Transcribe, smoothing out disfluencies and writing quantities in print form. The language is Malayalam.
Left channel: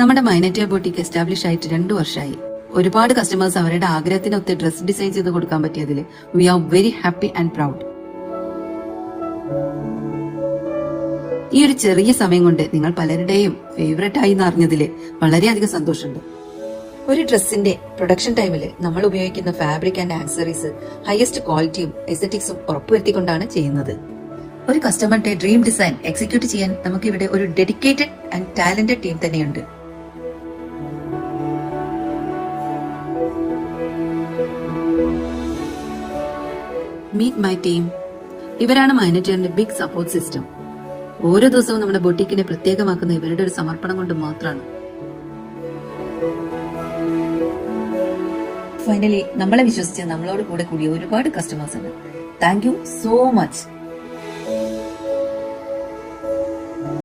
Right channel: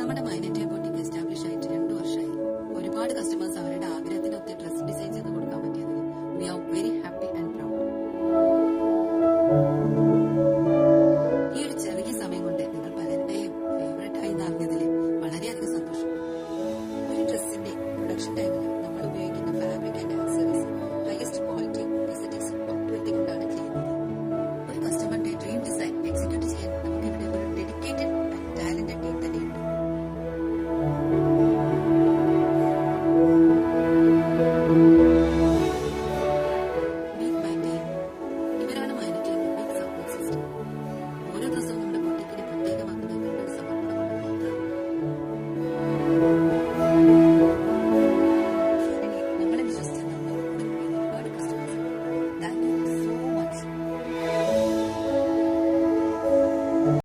നമ്മുടെ മൈനറ്റിയ ബോട്ടിക്ക് എസ്റ്റാബ്ലിഷ് ആയിട്ട് 2 വർഷമായി. ഒരുപാട് കസ്റ്റമേഴ്സ് അവരുടെ ആഗ്രഹത്തിനൊത്ത് ഡ്രസ് ഡിസൈൻ ചെയ്ത് കൊടുക്കാൻ പറ്റിയതിൽ we are very happy and proud. ഈ ഒരു ചെറിയ സമയം കൊണ്ട് നിങ്ങൾ പലരുടെയും ഫേവറേറ്റ് ആയി എന്നറിഞ്ഞതിൽ വളരെയധികം സന്തോഷമുണ്ട്. ഒരു ഡ്രസ്സിന്റെ പ്രൊഡക്ഷൻ ടൈമിൽ നമ്മൾ ഉപയോഗിക്കുന്ന ഫാബ്രിക് ആൻഡ് ആക്സറീസ് ഹയസ്റ്റ് ക്വാളിറ്റിയും എസ്തെറ്റിക്സും ഉറപ്പുവരുത്തിക്കൊണ്ടാണ് ചെയ്യുന്നത്. ഒരു കസ്റ്റമറുടെ ഡ്രീം ഡിസൈൻ എക്സിക്യൂട്ട് ചെയ്യാൻ നമുക്ക് ഇവിടെ ഒരു ഡെഡിക്കേറ്റഡ് ആൻഡ് ടാലന്റഡ് ടീം തന്നെയുണ്ട്. Meet my team. ഇവരാണ് മൈനറ്റിയറിന്റെ ബിഗ് സപ്പോർട്ട് സിസ്റ്റം. ഓരോ ദിവസവും നമ്മുടെ ബൊട്ടീക്കിനെ പ്രത്യേകമാക്കുന്ന ഇവരുടെ ഒരു സമർപ്പണം കൊണ്ട് മാത്രമാണ്. ഫൈനലി നമ്മളെ വിശ്വസിച്ച് നമ്മളോട് കൂടെ കൂടിയ ഒരുപാട് കസ്റ്റമേഴ്സ് ഉണ്ട്. Thank you so much.